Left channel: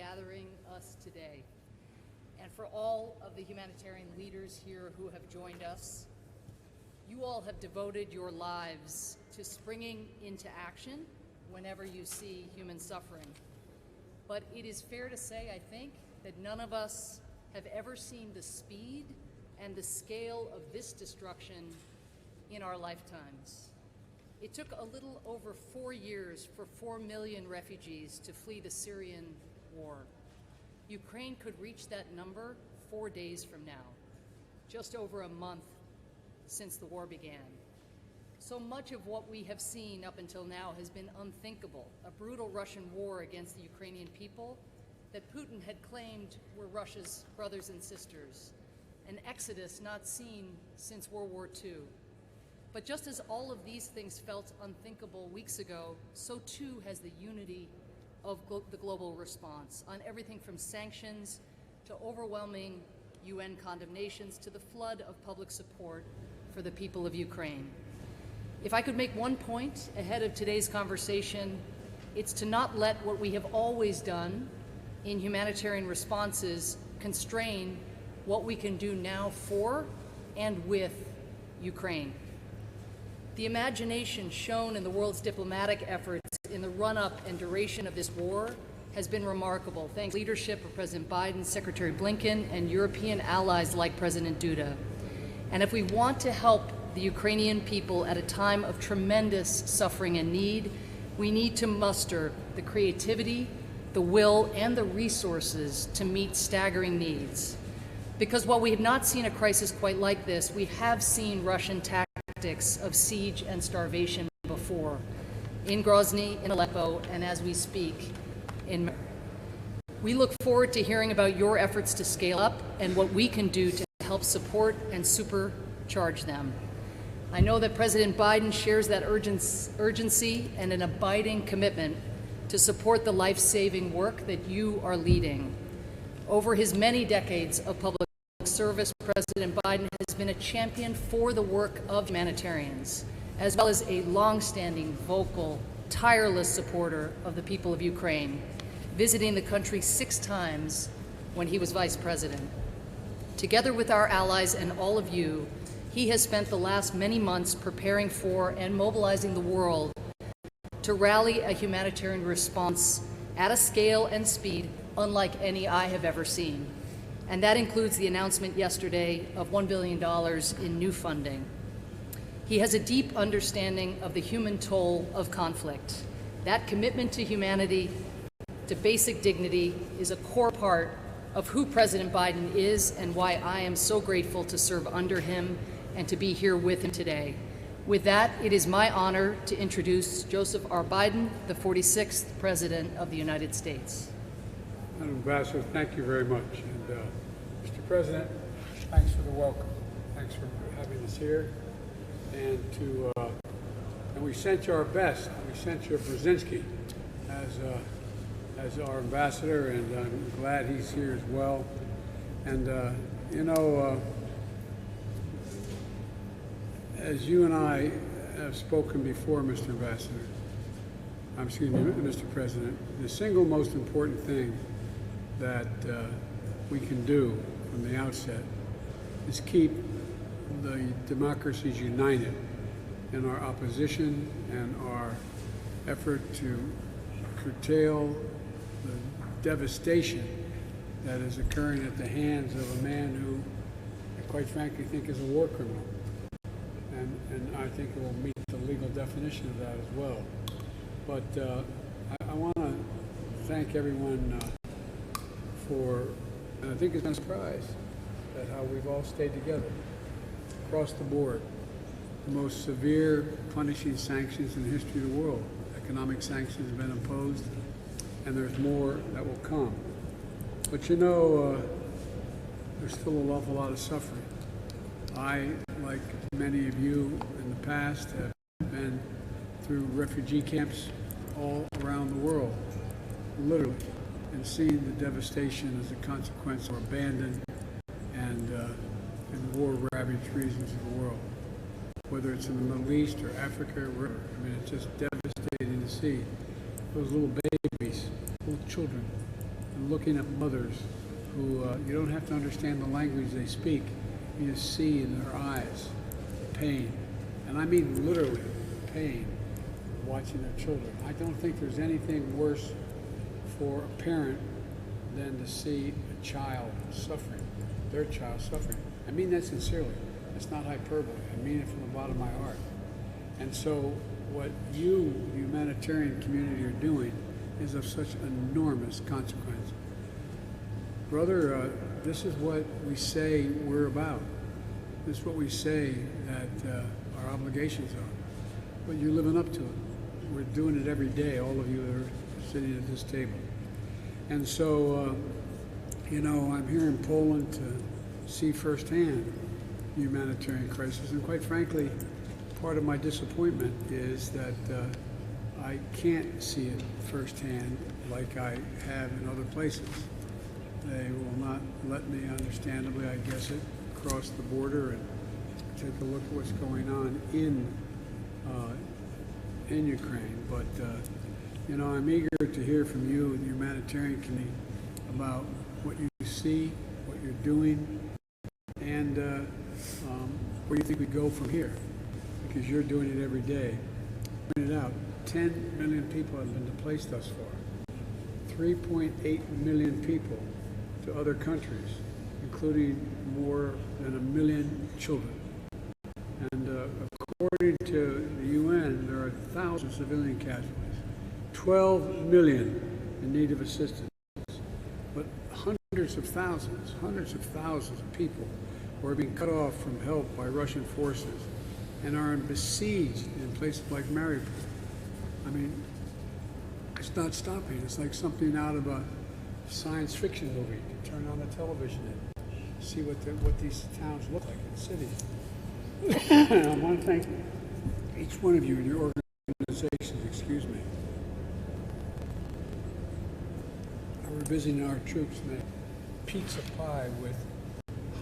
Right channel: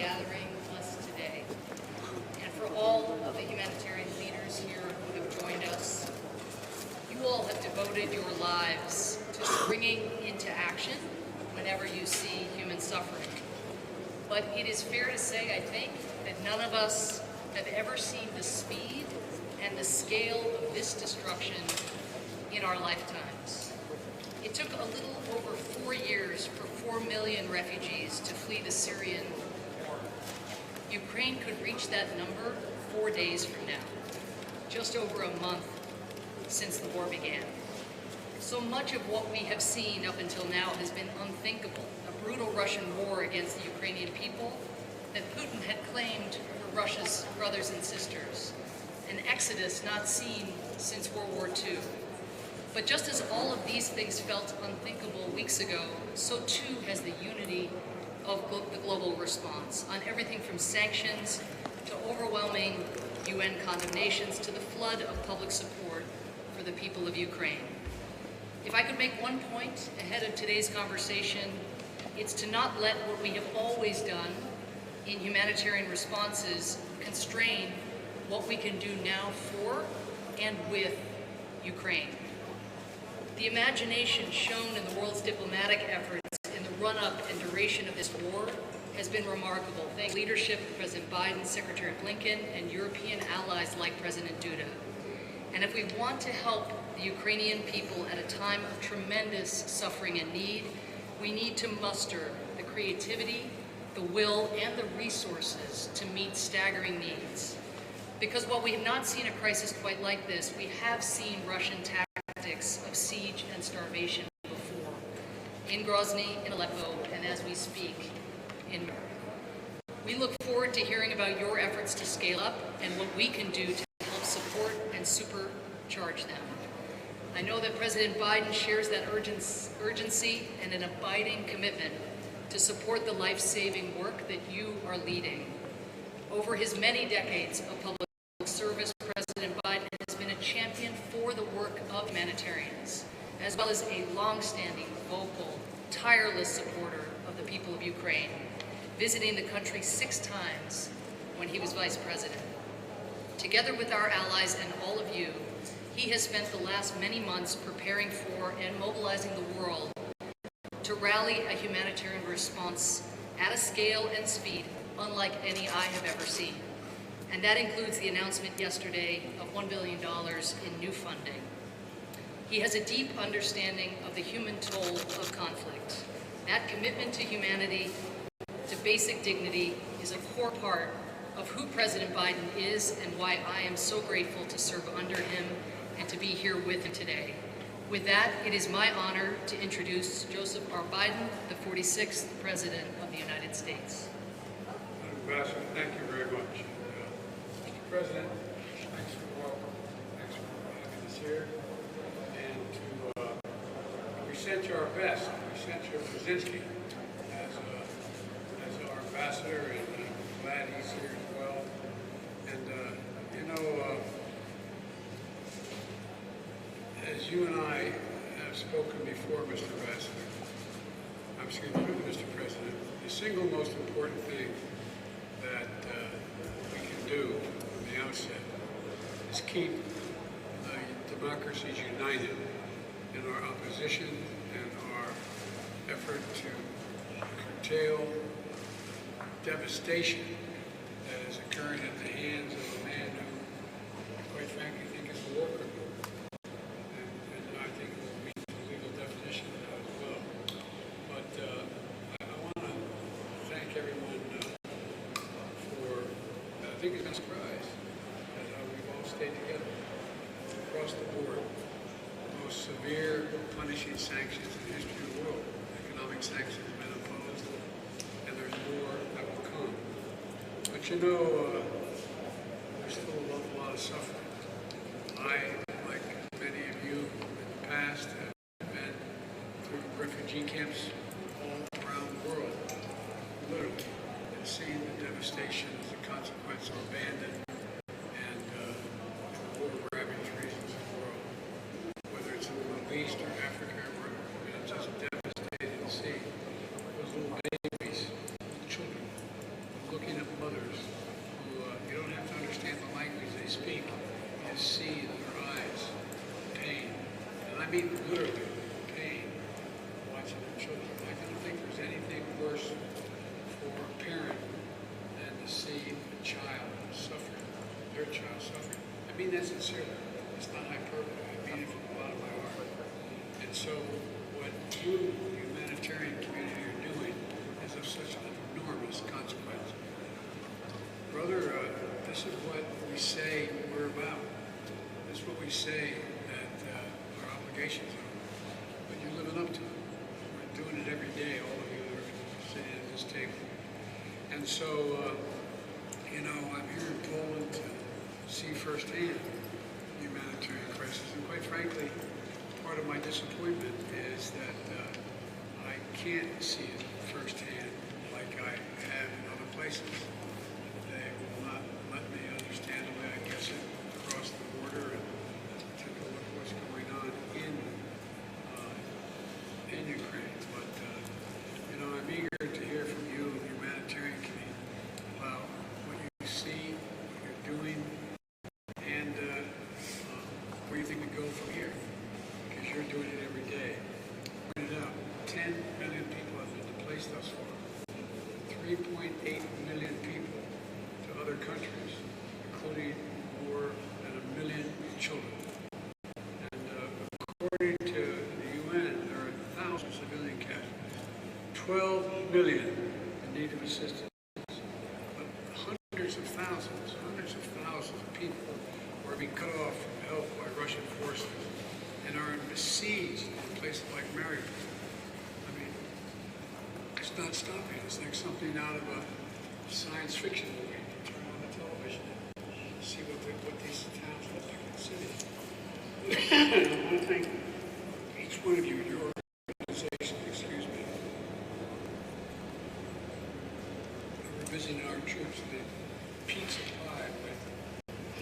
gathering us today, and for all of the humanitarian leaders here who have joined us. You all have devoted your lives to springing into action whenever you see human suffering. But it is fair to say, I think, that none of us have ever seen the speed and the scale of this destruction in our lifetimes. It took a little over four years for four million refugees to flee the Syrian. Ukraine could reach that number four days from now, just over a month since the war began. So much of what we have seen up until now has been unthinkable. A brutal Russian war against the Ukrainian people that Putin had claimed were Russia's brothers and sisters. An exodus not seen since World War II. But just as all of these things felt unthinkable weeks ago, so too has the unity of the global response on everything from sanctions to overwhelming UN condemnations to the flood of public support for the people of Ukraine. If I could make one point ahead of today's conversation, it's to not let what we have always done in humanitarian responses constrain what we can do now for and with Ukraine. The imagination shown in the world's diplomatic efforts run-up and duration of this war has been remarkable, thanks leadership of President Biden, Secretary Blinken, and European allies like President Duda. And if we want to help the Ukrainian people at a time of tremendous suffering and need, we need to muster the creativity, the will, and the resources to meet staggering needs. Because while we have not seen a crisis quite like this, we have seen Russian tactics of siege and starvation. In Grozny, in Aleppo, and as we speak, in we look forward to hearing about your efforts to scale up and what we can do to help support and supercharge them. I know that President Biden shares that urgency and an abiding commitment to support the life-saving work that you are leading. Over his many decades of public service, President Biden has been a champion for the work of humanitarians, as well as a long-standing, vocal, tireless supporter of the people of Ukraine, visiting the country six times when he was vice president. Together with our allies and all of you, he has spent the last many months preparing for and mobilizing the world to rally a humanitarian response at a scale and speed unlike any I have ever seen. And that includes the announcement yesterday of $1 billion in new funding. He has a deep understanding of the human toll of conflict. That commitment to humanity, to basic dignity, is a core part of who President Biden is and why I am so grateful to serve under him and to be here with him today. With that, it is my honor to introduce Joseph R. Biden, the 46th President of the United States. Ambassador, thank you very much. And, uh, Mr. President, thanks for the welcome. Thanks for having us here. And to, uh, and we sent you our best. We sent you Brzezinski as, uh, as our ambassador, and I'm glad he's here as well. And, uh, you know, uh, as you and I have spoken before, Mr. Ambassador, um, excuse me, Mr. President, the single most important thing that uh, we can do from the outset is keep the democracies united in our opposition and our effort to curtail the devastation that is occurring at the hands of a man who, quite frankly, think is a war criminal. And, and I think it will meet the legal definition of that as well. But uh, I, I want to thank everyone uh, for, I think it's a surprise at how we've all stayed together across the board. The most severe punishing sanctions in the history of the world. Economic sanctions have been imposed, and there's more that will come. But you know, uh, there's still an awful lot of suffering. I, like many of you in the past, have been through refugee camps all around the world, literally, and seen the devastation as a consequence of abandon and, the war-ravaged regions of the world. Whether it's in the Middle East or Africa, or, I mean, it's just devastating to see those little babies, little children, looking at mothers who uh, you don't have to understand the language they speak. You just see in their eyes pain, and I mean literally pain, watching their children. I don't think there's anything worse for a parent than to see a child suffering, their child suffering. I mean that sincerely. It's not hyperbole. I mean it from the bottom of my heart. And so, what you, the humanitarian community, are doing is of such enormous consequence. Brother, uh, this is what we say we're about. This is what we say that uh, our obligations are. But you're living up to it. We're doing it every day, all of you that are sitting at this table. And so, uh, you know, I'm here in Poland to see firsthand the humanitarian crisis. And quite frankly, part of my disappointment is that uh, I can't see it firsthand like I have in other places. They will not let me, understandably, I guess it, cross the border and take a look at what's going on in uh, in Ukraine. But uh, you know, I'm eager to hear from you, the humanitarian community, about what you see, what you're doing, and uh, um, where do you think we go from here, because you're doing it every day. Print it out. 10 million people have been displaced thus far. 3.8 million people to other countries, including more than a million children. And uh, according to the UN, there are thousands of civilian casualties. 12 million in need of assistance. But hundreds of thousands, hundreds of thousands of people are being cut off from help by Russian forces and are besieged in places like Mariupol. I mean, it's not stopping. It's like something out of a science fiction movie. You turn on the television and see what, the, what these towns look like in cities. and I want to thank each one of you and your organization, excuse me, We're visiting our troops in a pizza pie with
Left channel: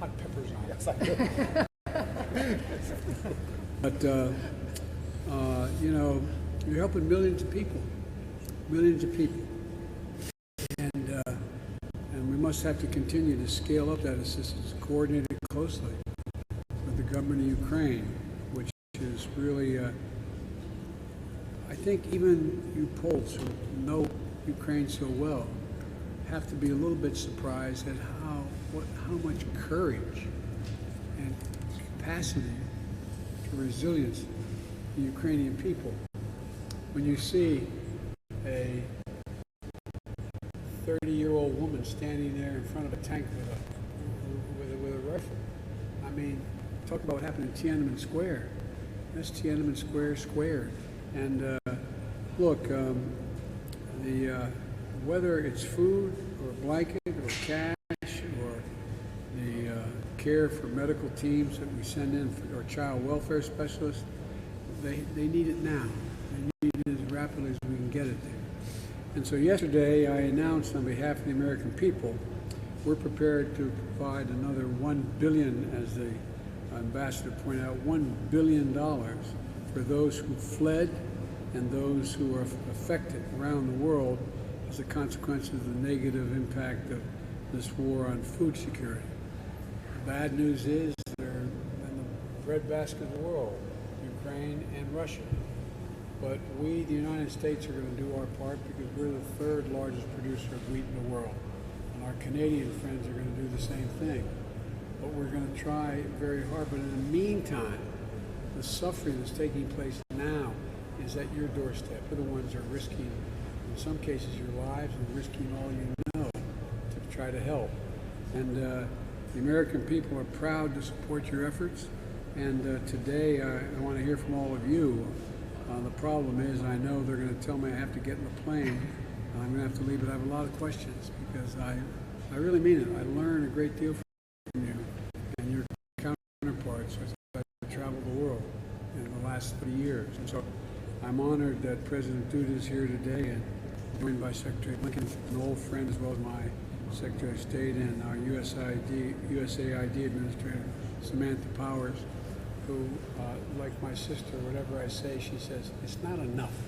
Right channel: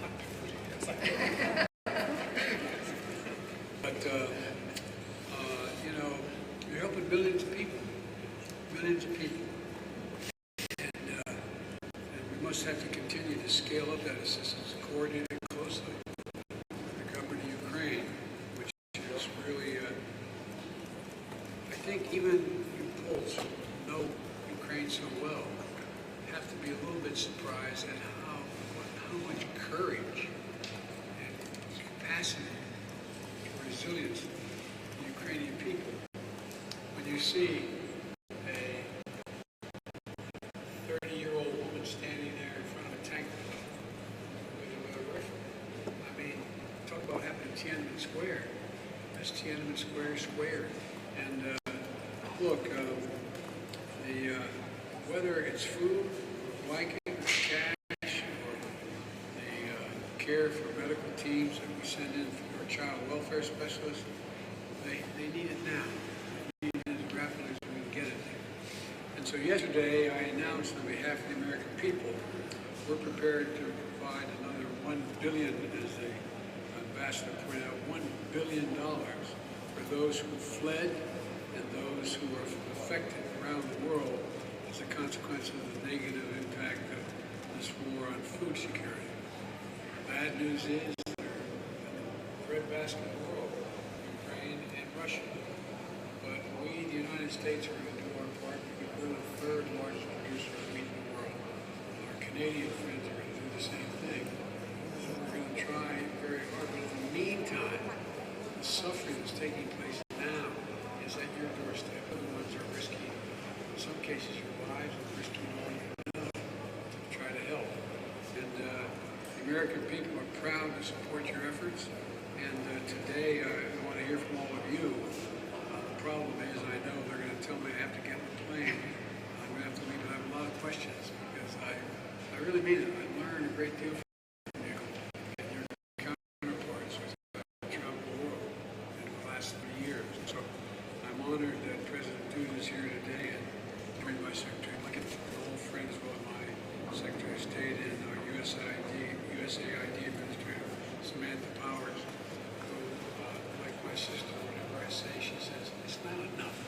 hot peppers on it. but, uh, uh, you know, you're helping millions of people. Millions of people. And, uh, and we must have to continue to scale up that assistance, coordinate it closely with the government of Ukraine, which is really, uh, I think even you Poles who know Ukraine so well have to be a little bit surprised at how what, how much courage and capacity and resilience the Ukrainian people. When you see a 30-year-old woman standing there in front of a tank with a, with a, rifle. I mean, talk about what happened in Tiananmen Square. That's Tiananmen Square squared. And uh, look, um, the uh, whether it's food or blanket or cash care for medical teams that we send in for our child welfare specialists, they, they need it now. They need it as rapidly as we can get it there. And so yesterday I announced on behalf of the American people, we're prepared to provide another one billion, as the ambassador pointed out, one billion dollars for those who fled and those who are affected around the world as a consequence of the negative impact of this war on food security. Bad news is they're in the breadbasket of the world, Ukraine and Russia. But we, the United States, are going to do our part because we're the third largest producer of wheat in the world. And our Canadian friends are going to do the same thing. But we're going to try very hard. But in the meantime, the suffering that's taking place now is at your doorstep. We're the ones are risking, in some cases, your lives and risking all you know to try to help. And uh, the American people are proud to support your efforts. And uh, today, I want to hear from all of you. Uh, the problem is, I know they're going to tell me I have to get in the plane. I'm going to have to leave, but I have a lot of questions because I, I really mean it. I learned a great deal from you and your counterparts as I traveled the world in the last three years. And so I'm honored that President Duda is here today and joined by Secretary Blinken, an old friend as well as my Secretary of State and our USAID, USAID Administrator, Samantha Powers, who, uh, like my sister, whatever I say, she says, it's not enough.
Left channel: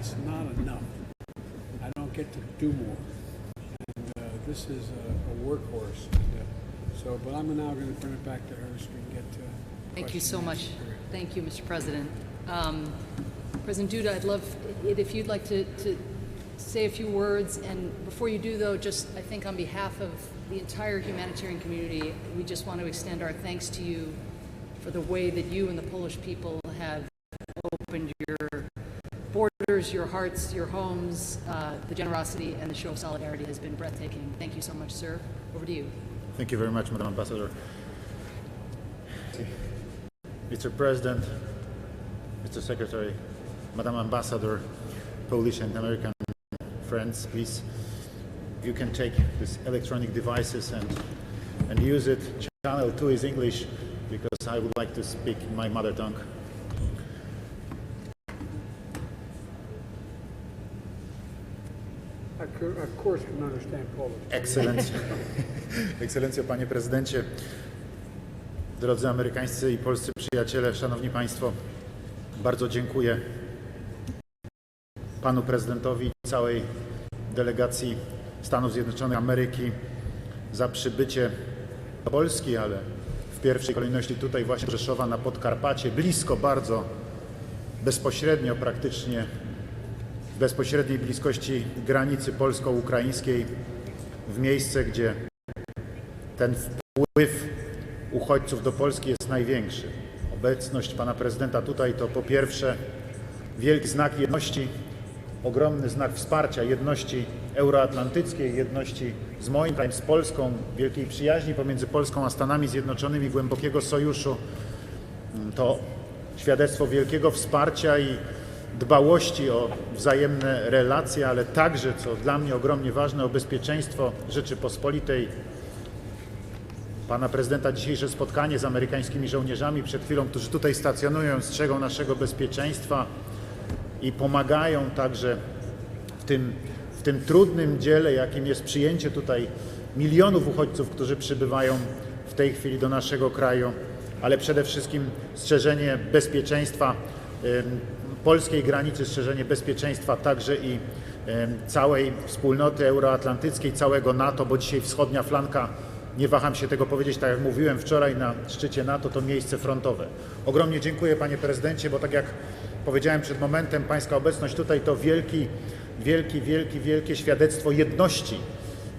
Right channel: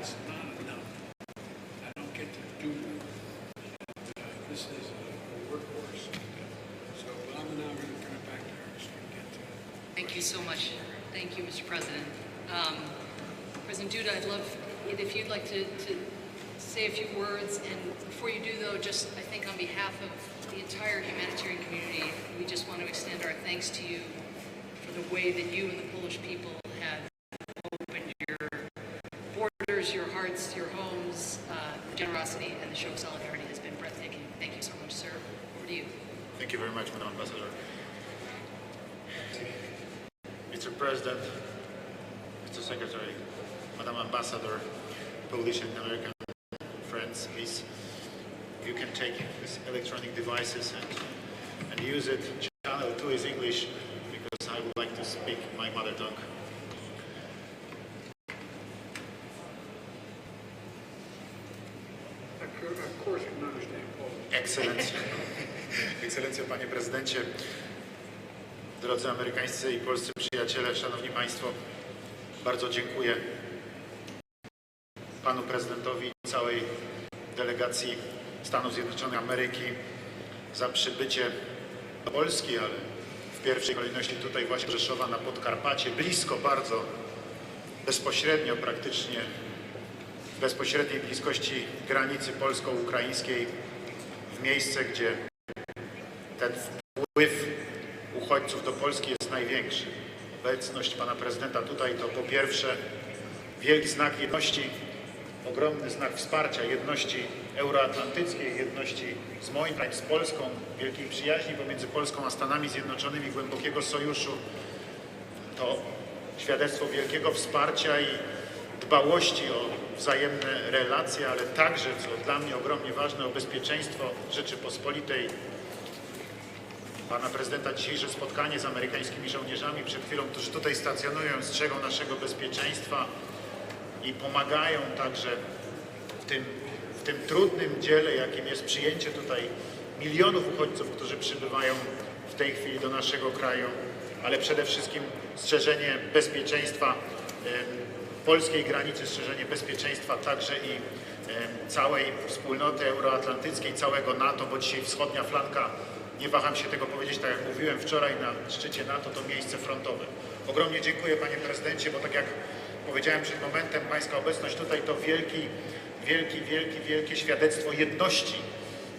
It's not enough. I don't get to do more. And this is a a workhorse. So, but I'm now going to turn it back to her so we can get to. Thank you so much. Thank you, Mr. President. Um, President Duda, I'd love it if you'd like to, to say a few words. And before you do, though, just I think on behalf of the entire humanitarian community, we just want to extend our thanks to you for the way that you and the Polish people have opened your borders, your hearts, your homes. Uh, the generosity and the show of solidarity has been breathtaking. Thank you so much, sir. Over to you. Thank you very much, Madam Ambassador. Mr. President, Mr. Secretary, Madam Ambassador, Polish and American friends, please, you can take these electronic devices and, and use it. Channel 2 is English because I would like to speak my mother tongue. Of cour- Of course, you can understand Polish. Ekscelencjo, Ekscelencjo, Panie Prezydencie, drodzy amerykańscy i polscy przyjaciele, Szanowni Państwo, bardzo dziękuję Panu Prezydentowi i całej delegacji Stanów Zjednoczonych Ameryki za przybycie do Polski, ale w pierwszej kolejności tutaj właśnie Rzeszowa na Podkarpacie, blisko bardzo, bezpośrednio praktycznie w bezpośredniej bliskości granicy polsko-ukraińskiej, w miejsce, gdzie ten wpływ uchodźców do Polski jest największy. Obecność pana prezydenta tutaj to po pierwsze wielki znak jedności, ogromny znak wsparcia jedności euroatlantyckiej, jedności z moim krajem, z Polską, wielkiej przyjaźni pomiędzy Polską a Stanami Zjednoczonymi, głębokiego sojuszu. To świadectwo wielkiego wsparcia i dbałości o wzajemne relacje, ale także, co dla mnie ogromnie ważne, o bezpieczeństwo Rzeczypospolitej. Pana prezydenta dzisiejsze spotkanie z amerykańskimi żołnierzami przed chwilą, którzy tutaj stacjonują, strzegą naszego bezpieczeństwa i pomagają także w tym, w tym trudnym dziele, jakim jest przyjęcie tutaj milionów uchodźców, którzy przybywają w tej chwili do naszego kraju, ale przede wszystkim strzeżenie bezpieczeństwa polskiej granicy, strzeżenie bezpieczeństwa także i całej wspólnoty euroatlantyckiej, całego NATO, bo dzisiaj wschodnia flanka, nie waham się tego powiedzieć, tak jak mówiłem wczoraj na szczycie NATO, to miejsce frontowe. Ogromnie dziękuję panie prezydencie, bo tak jak powiedziałem przed momentem, pańska obecność tutaj to wielki, wielki, wielki, wielkie świadectwo jedności.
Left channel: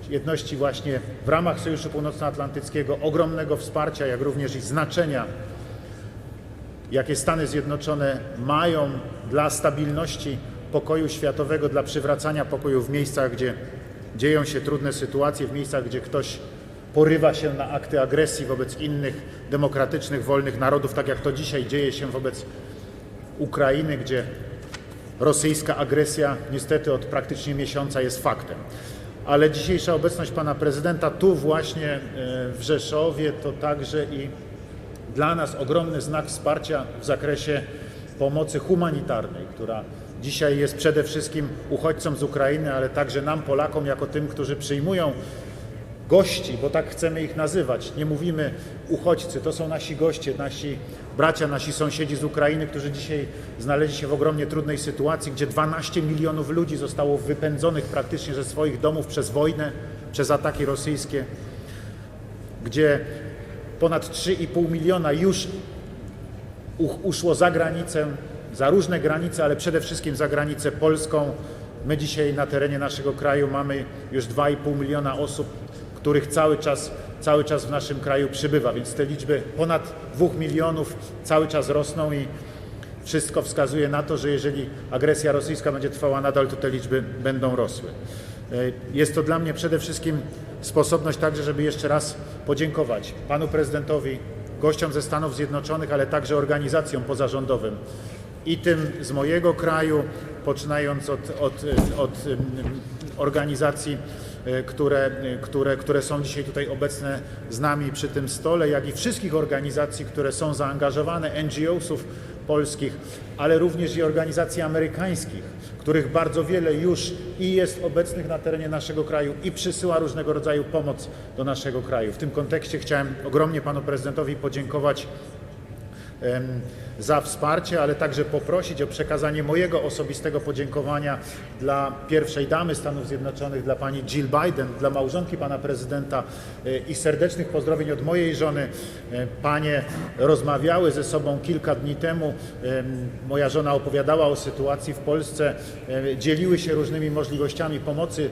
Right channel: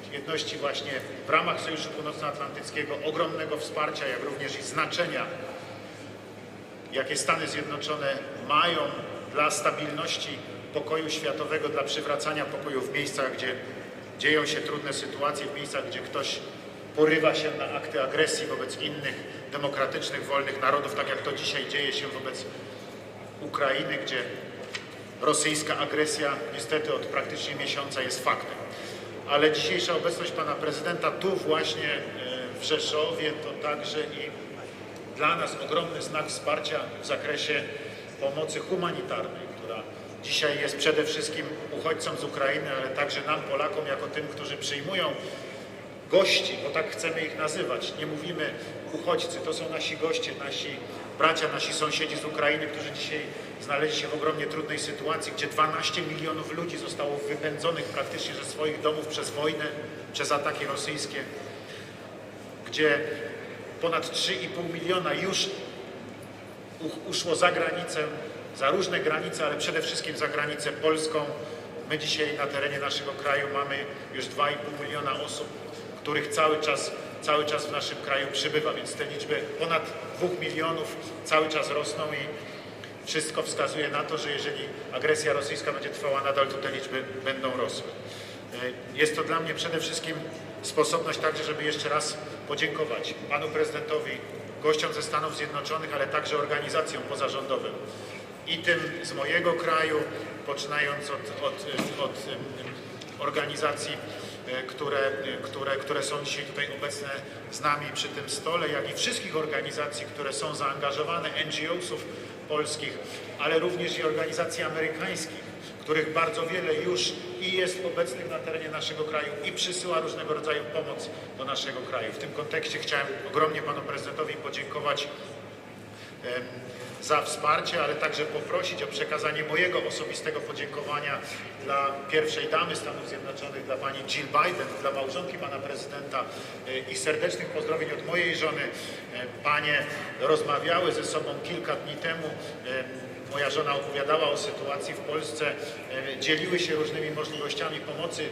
Jedności właśnie w ramach Sojuszu Północnoatlantyckiego, ogromnego wsparcia, jak również i znaczenia, jakie Stany Zjednoczone mają dla stabilności pokoju światowego, dla przywracania pokoju w miejscach, gdzie dzieją się trudne sytuacje, w miejscach, gdzie ktoś porywa się na akty agresji wobec innych demokratycznych, wolnych narodów, tak jak to dzisiaj dzieje się wobec Ukrainy, gdzie rosyjska agresja niestety od praktycznie miesiąca jest faktem. Ale dzisiejsza obecność pana prezydenta tu właśnie e, w Rzeszowie to także i dla nas ogromny znak wsparcia w zakresie pomocy humanitarnej, która dzisiaj jest przede wszystkim uchodźcom z Ukrainy, ale także nam, Polakom, jako tym, którzy przyjmują gości, bo tak chcemy ich nazywać. Nie mówimy uchodźcy, to są nasi goście, nasi bracia, nasi sąsiedzi z Ukrainy, którzy dzisiaj znaleźli się w ogromnie trudnej sytuacji, gdzie 12 milionów ludzi zostało wypędzonych praktycznie ze swoich domów przez wojnę, przez ataki rosyjskie, gdzie ponad 3,5 miliona już uszło za granicę, za różne granice, ale przede wszystkim za granicę polską. My dzisiaj na terenie naszego kraju mamy już 2,5 miliona osób, których cały czas, cały czas w naszym kraju przybywa, więc te liczby ponad 2 milionów cały czas rosną i wszystko wskazuje na to, że jeżeli agresja rosyjska będzie trwała nadal, to te liczby będą rosły. E, Jest to dla mnie przede wszystkim sposobność także, żeby jeszcze raz podziękować panu prezydentowi, gościom ze Stanów Zjednoczonych, ale także organizacjom pozarządowym i tym z mojego kraju, poczynając od, od, od organizacji, e, które, które, które są dzisiaj tutaj obecne z nami przy tym stole, jak i wszystkich organizacji, które są zaangażowane, NGO-sów polskich, ale również i organizacji amerykańskich, których bardzo wiele już i jest obecnych na terenie naszego kraju i przysyła różnego rodzaju pomoc do naszego kraju. W tym kontekście chciałem ogromnie panu prezydentowi podziękować za wsparcie, ale także poprosić o przekazanie mojego osobistego podziękowania dla pierwszej damy Stanów Zjednoczonych, dla pani Jill Biden, dla małżonki pana prezydenta e, i serdecznych pozdrowień od mojej żony. E, Panie rozmawiały ze sobą kilka dni temu. Em, Moja żona opowiadała o sytuacji w Polsce, e, dzieliły się różnymi możliwościami pomocy.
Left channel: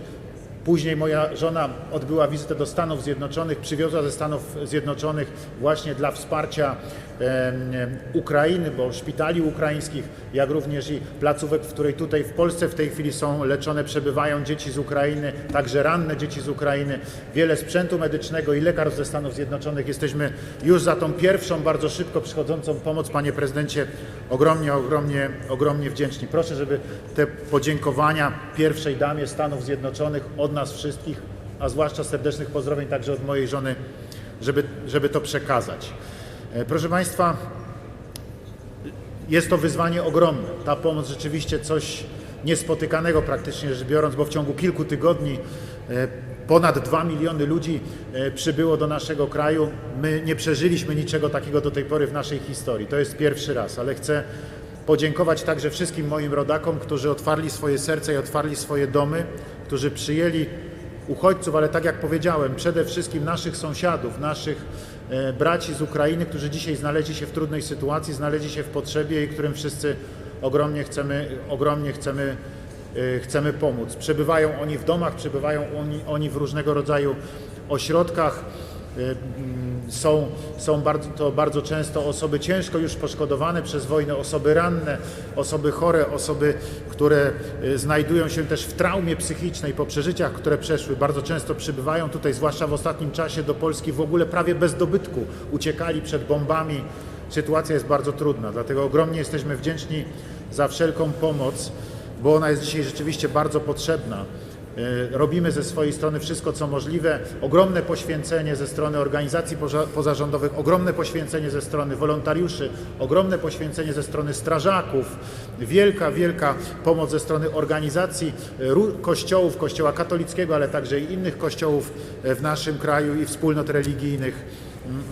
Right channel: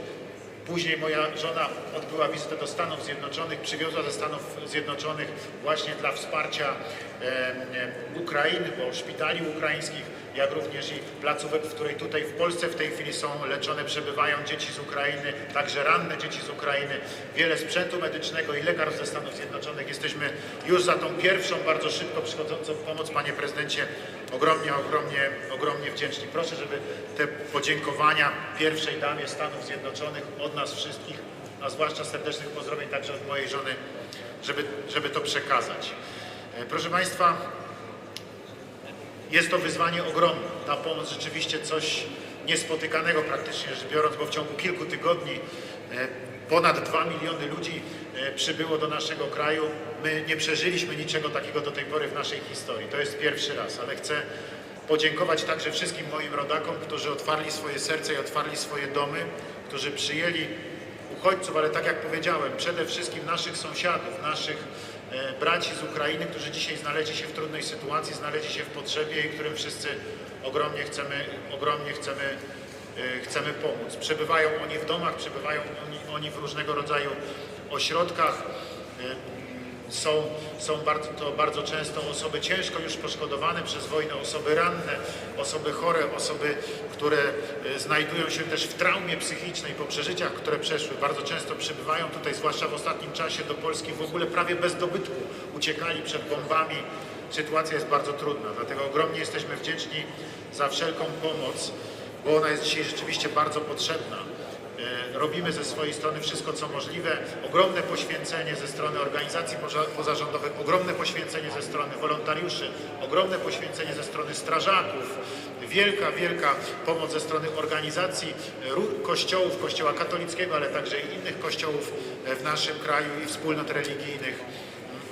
Później moja żona odbyła wizytę do Stanów Zjednoczonych, przywiozła ze Stanów Zjednoczonych właśnie dla wsparcia Ukrainy, bo szpitali ukraińskich, jak również i placówek, w której tutaj w Polsce w tej chwili są leczone, przebywają dzieci z Ukrainy, także ranne dzieci z Ukrainy, wiele sprzętu medycznego i lekarstw ze Stanów Zjednoczonych. Jesteśmy już za tą pierwszą, bardzo szybko przychodzącą pomoc, panie prezydencie, ogromnie, ogromnie, ogromnie wdzięczni. Proszę, żeby te podziękowania pierwszej damie Stanów Zjednoczonych od nas wszystkich, a zwłaszcza serdecznych pozdrowień także od mojej żony, żeby, żeby to przekazać. E, Proszę Państwa, jest to wyzwanie ogromne. Ta pomoc rzeczywiście coś niespotykanego praktycznie rzecz biorąc, bo w ciągu kilku tygodni e, ponad 2 miliony ludzi e, przybyło do naszego kraju. My nie przeżyliśmy niczego takiego do tej pory w naszej historii. To jest pierwszy raz, ale chcę podziękować także wszystkim moim rodakom, którzy otwarli swoje serca i otwarli swoje domy, którzy przyjęli uchodźców, ale tak jak powiedziałem, przede wszystkim naszych sąsiadów, naszych e, braci z Ukrainy, którzy dzisiaj znaleźli się w trudnej sytuacji, znaleźli się w potrzebie i którym wszyscy ogromnie chcemy, ogromnie chcemy, e, chcemy pomóc. Przebywają oni w domach, przebywają oni, oni w różnego rodzaju ośrodkach. Są, są bardzo, to bardzo często osoby ciężko już poszkodowane przez wojnę, osoby ranne, osoby chore, osoby, które e, znajdują się też w traumie psychicznej po przeżyciach, które przeszły. Bardzo często przybywają tutaj, zwłaszcza w ostatnim czasie do Polski w ogóle prawie bez dobytku. Uciekali przed bombami. Sytuacja jest bardzo trudna, dlatego ogromnie jesteśmy wdzięczni za wszelką pomoc, bo ona jest dzisiaj rzeczywiście bardzo potrzebna. E, Robimy ze swojej strony wszystko, co możliwe. Ogromne poświęcenie ze strony organizacji poza- pozarządowych, ogromne poświęcenie ze strony wolontariuszy, ogromne poświęcenie ze strony strażaków, wielka, wielka pomoc ze strony organizacji e, kościołów, kościoła katolickiego, ale także i innych kościołów e, w naszym kraju i wspólnot religijnych.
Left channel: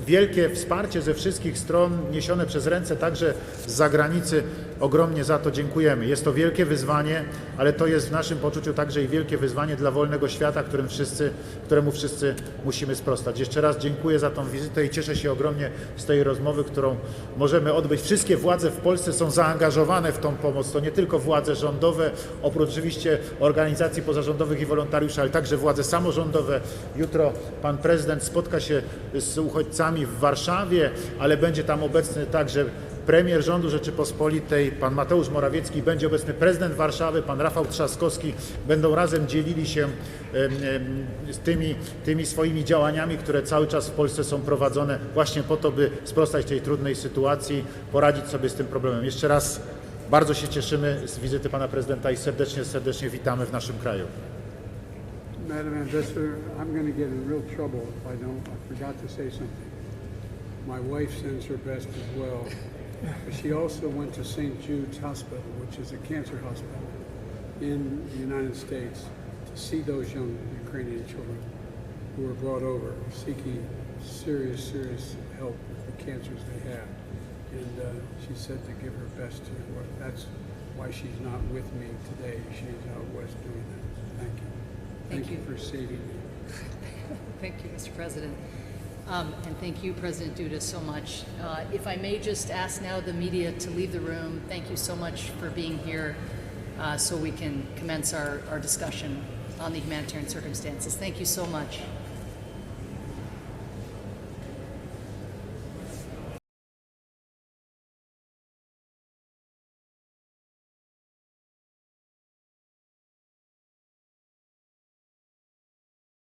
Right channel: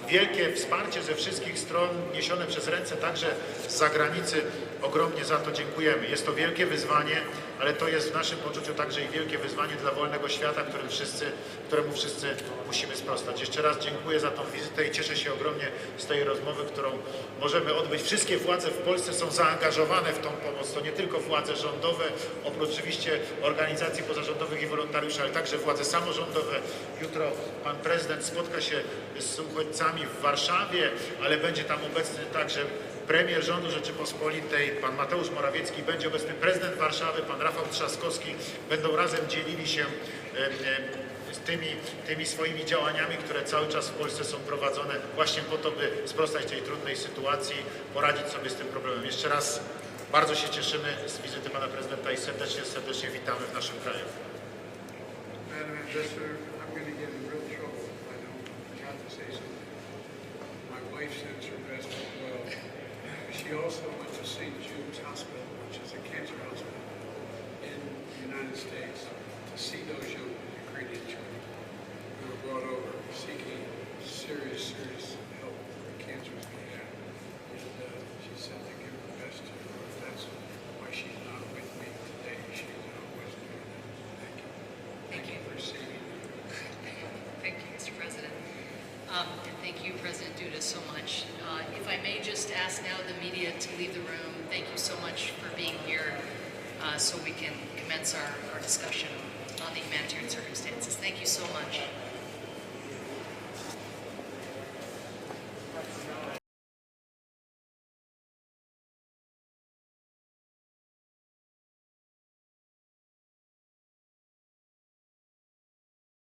Wielkie wsparcie ze wszystkich stron niesione przez ręce także z zagranicy. Ogromnie za to dziękujemy. Jest to wielkie wyzwanie, ale to jest w naszym poczuciu także i wielkie wyzwanie dla wolnego świata, którym wszyscy, któremu wszyscy musimy sprostać. Jeszcze raz dziękuję za tą wizytę i cieszę się ogromnie z tej rozmowy, którą możemy odbyć. Wszystkie władze w Polsce są zaangażowane w tą pomoc. To nie tylko władze rządowe, oprócz oczywiście organizacji pozarządowych i wolontariuszy, ale także władze samorządowe. Jutro pan prezydent spotka się z uchodźcami w Warszawie, ale będzie tam obecny także premier rządu Rzeczypospolitej, pan Mateusz Morawiecki, będzie obecny prezydent Warszawy, pan Rafał Trzaskowski. Będą razem dzielili się tymi, tymi swoimi działaniami, które cały czas w Polsce są prowadzone właśnie po to, by sprostać tej trudnej sytuacji, poradzić sobie z tym problemem. Jeszcze raz bardzo się cieszymy z wizyty pana prezydenta i serdecznie, serdecznie witamy w naszym kraju. Madam Ambassador, I'm going to get in real trouble if I don't. I forgot to say something. My wife sends her best as well. She also went to St. Jude's Hospital, which is a cancer hospital in the United States, to see those young Ukrainian children who were brought over seeking serious, serious help with the cancers they have. And uh, she said to give her best to her. That's why she's not with me today. She's out west doing that. Thank you. Thank you for receiving me. Thank you, Mr. President. Um, and thank you, President Duda, so much. Uh, if I may just ask now the media to leave the room, thank you so much for being here uh, so we can commence our, our discussion on the humanitarian circumstances. Thank you so much.